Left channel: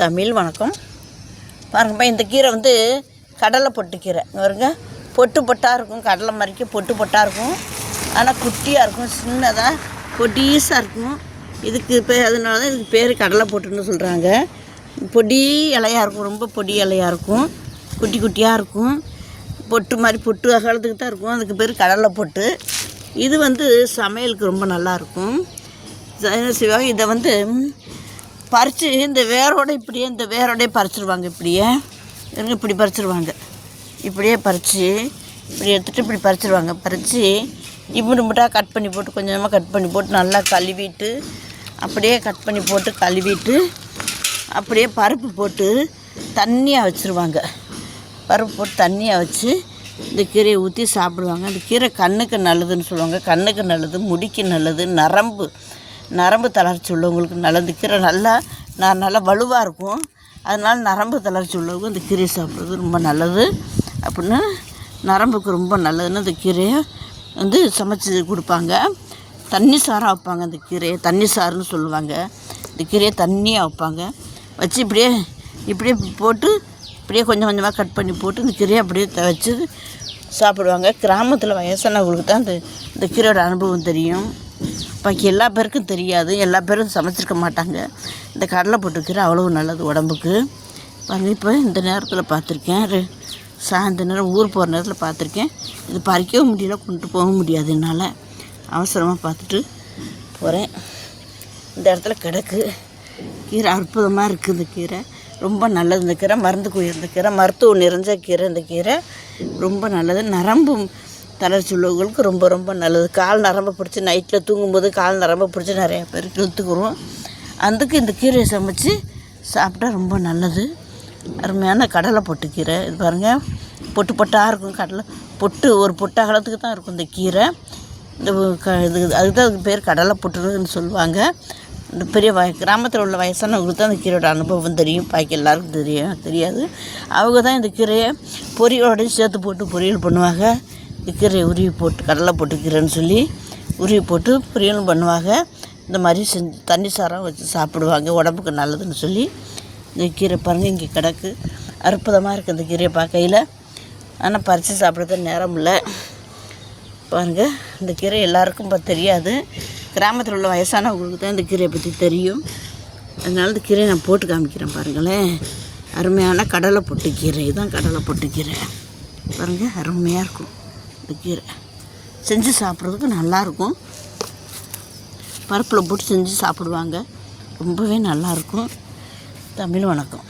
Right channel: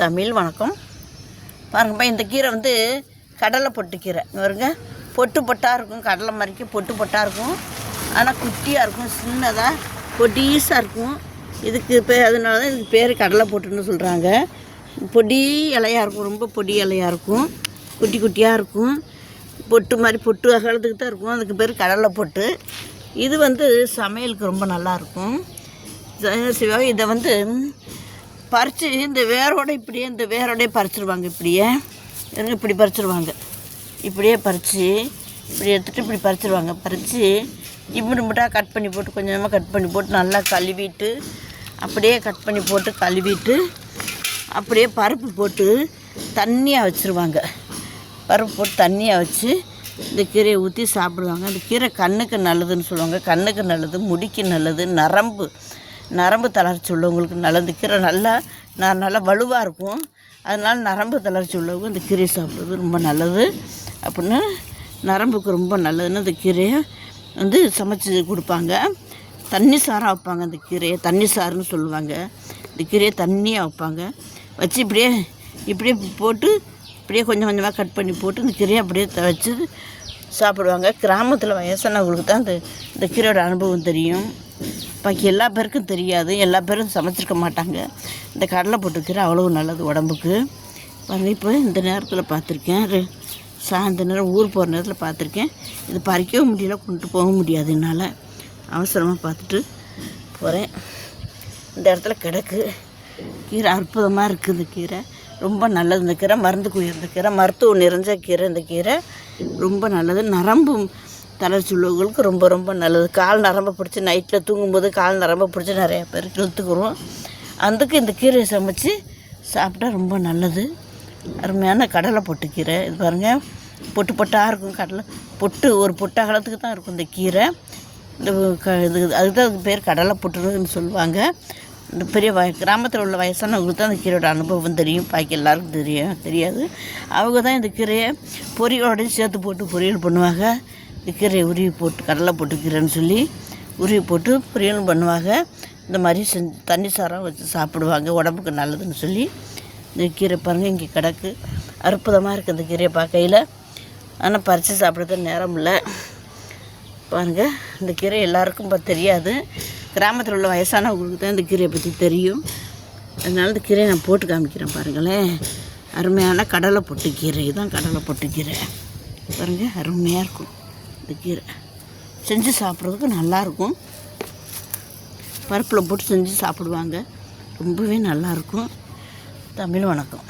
தமிழ் வணக்கம். பாருங்கப்பா இந்த கீரை வந்து கடலை பொட்டு கீரை. வருங்க பொட்டு பொட்டாக இருக்கும் கடலை மாதிரிக்கு பொட்டு பொட்டாக இருக்கும். ஆனால் குட்டியாக இருக்கும் சின்னதாக பொடிசாக இருக்கும். இதுக்கு பேர் அதனால தான் இதுக்கு பேர் கடலை பொட்டுன்னு சொல்கிறாங்க பொடி இலையாக இருக்கும் ரொம்ப பொடி இலையாக இருக்கும். குட்டி குட்டியாக இருக்கும். பொட்டு மாதிரி பொட்டு அகலத்துக்கு தான் இருக்கும். அதுக்கு பேர் கடலை பொட்டு. இது வந்து சமையலுக்கு ரொம்ப நல்லாயிருக்கும் என்ன இதை வந்து பறித்து இந்த வேரோட இப்படியே இந்த வேரோடய பறிச்சிருவாங்க இப்படியே. எனக்கு இப்படி பறிச்சிருவாங்க. இப்படியே பறித்து இப்படி எடுத்துகிட்டு இப்படி பறிச்சிருவாங்க. பறித்து இப்படி மட்டும் கட் பண்ணி போட்டு கொஞ்சமாக கட் பண்ணி போட்டு நல்லா கழுவிட்டு அப்படியே கட் பண்ணி போட்டு கழுவிட்டு அப்படியே பருப்பு போட்டு தண்ணியாக வச்சுருவாங்க. பருப்பு போட்டு தண்ணியாக வச்சு இந்த கீரையை ஊற்றி சாப்பிடுவாங்க. அந்த கீரை கண்ணுக்கு நல்லதுன்னு சொல்லுவாங்க. கண்ணுக்கு நல்லது முடிக்கு நல்லது நரம்பு நரம்பு தளர்ச்சி உள்ளவங்களுக்கு நல்லது இந்த கீரை நல்லா நான் நல்லா வலுவாக இருக்கும். அதனால் நரம்பு தளர்ச்சி உள்ளவங்க இந்த கீரையை சாப்பிட்றது ரொம்ப நல்லது. அப்படின்னு நரம்புக்கு ரொம்ப நல்லதுன்னு இந்த கீரையை வந்து சமைச்சி கொடுப்பாங்க. தண்ணி சாராக வைப்பாங்க அந்த கீரையை. தண்ணி சாறுன்னு சொல்லுவாங்க. இந்த கீரையை தண்ணியாக வைப்பாங்க. வச்சு இப்படியே இப்படியே போட்டு இப்படியே கொஞ்சம் கொஞ்சமாக கட் பண்ணி போட்டு இந்த கீரையை அப்படியே வச்சு சாப்பிடுவாங்க. கிராமத்தில் வயசானவங்களுக்கு தான் இந்த இந்த கீரையோட அனுபவம் தெரியும். பாக்கி எல்லா பேருக்கும் தெரியாது. எல்லா பேரும் சமைச்சிருக்க மாட்டாங்க. இந்த கடலை போட்டு கீரை அவ்வளோ நல்லது உடம்புக்கு. பாருங்கள் இப்போ இந்த நேரத்தில் பார்த்துருக்கேன். சாயந்த நேரம் ஊர் போகிற நேரத்தில் பார்த்துருக்கேன். இது பறிக்கவும் முடியல கொண்டு போக முடியாது என்னால். அவசரமாக பார்த்துட்டு போகிறேன் இந்த இடத்துல கிடக்கு. கீரை அற்புதமாக இருக்குது இந்த கீரை. ரொம்ப நல்லது இந்த கீரை. மருந்து குயிர் இந்த கீரை மருத்துவம் நிறைஞ்ச கீரை இந்த கீரை. ரொம்ப நல்லது. நரம்பு தளர்ச்சி உள்ளவங்களுக்கு ரொம்ப ரொம்ப நல்லது. கால் நரம்ப பிடிச்சி நைட்டில் தூங்கும்போது கால் நரம்ப பிடிச்சி நிறைய பேர் இழுத்துக்கிறோம் அதுக்கு இந்த கீரையை சமைச்சு சாப்பிட்டா ரொம்ப நல்லது. அருமையான கடலை பொட்டு கீரை. இது பாருங்கள் பொட்டு பொட்டாக இருக்கும் கடலை. பொட்டு ஒரு பொட்டு அகலத்துக்கு தான் இருக்கும் இந்த கீரை. இந்த க இது அதுதான் அதுக்கு பேர் கடலை பொட்டுருன்னு சொல்லுவாங்க. இந்த பெரிய வய கிராமத்தில் உள்ள வயசானவங்களுக்கு தான் இந்த கீரையோட அனுபவம் தெரியும். பாக்கி எல்லாருக்கும் தெரியும். தெரியாது. அவங்க தான் இந்த கீரையை பொரியலோடய சேர்த்து போட்டு பொரியல் பண்ணுவாங்க. கீரையை உருவி போட்டு கடலை போட்டு கீரைன்னு சொல்லி உருவி போட்டு பொரியலும் பண்ணுவாங்க. இந்த மாதிரி செஞ்சு தண்ணி சாரம் வச்சு சாப்பிடுவாங்க. உடம்புக்கு நல்லதுன்னு சொல்லி. இந்த கீரை பாருங்கள் இங்கே கிடக்கு. அற்புதமாக இருக்குது இந்த கீரையை பார்க்கையில். ஆனால் பறித்து சாப்பிட்றதுக்கு நேரம் இல்லை. பாருங்கள் இந்த கீரை எல்லாருக்கும் இப்போ தெரியாது. கிராமத்தில் உள்ள வயசானவங்களுக்கு தான் இந்த கீரையை பற்றி தெரியும். அதனால் இந்த கீரையை நான் போட்டு காமிக்கிறேன் பாருங்களேன். அருமையான கடலை பொட்டு கீரை தான் கடலை பொட்டு கீரை. பாருங்கள் அருமையாக இருக்கும். இந்த கீரை. செஞ்சு சாப்பிட்றதுக்கு நல்லாயிருக்கும். பருப்பில் போட்டு செஞ்சு சாப்பிடுவாங்க. ரொம்பவே நல்லாயிருக்கும். தமிழ் வணக்கம்.